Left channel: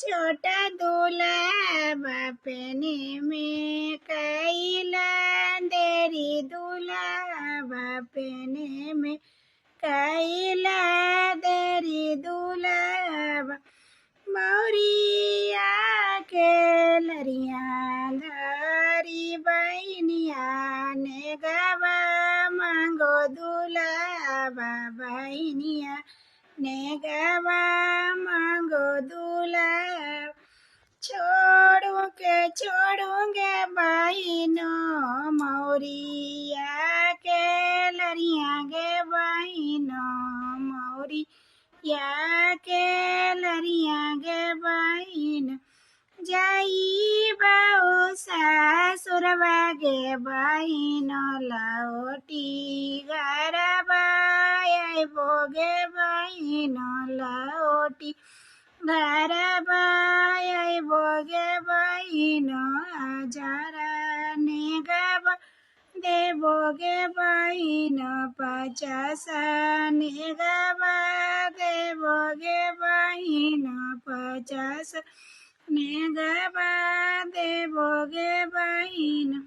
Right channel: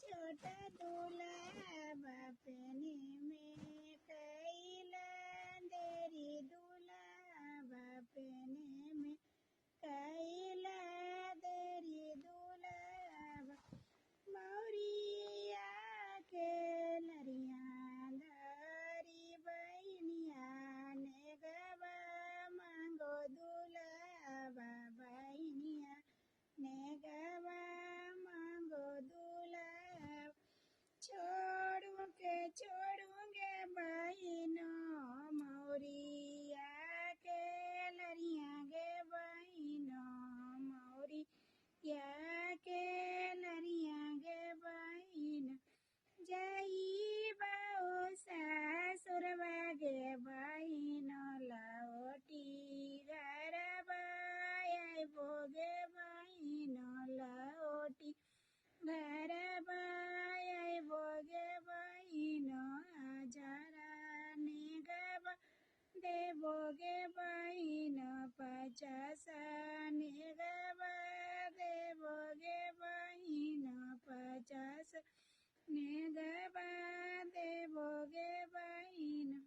छोटा दूल्हा बापने में कैला देरी दूल्हा बापने में कैला देरी दूल्हा मौरिया के लरिया धरी बहनिया ने गवा मांगो दूल्हा बहनिया ने गवा मांगो दूल्हा छोड़ूंगे बहनों मौरिया के लरिया गे बहनों मौरिया के लरिया गे बहन जाई बाऊ सासुरवा गे बहनों लौटी घरबाई बोगे बहनों लौटी घरबाई बोगे बहनों हजारा ने गवा देवोगे बहनों 50 ने गवा देवोगे बहनों 50 ने गवा देवोगे बहनों।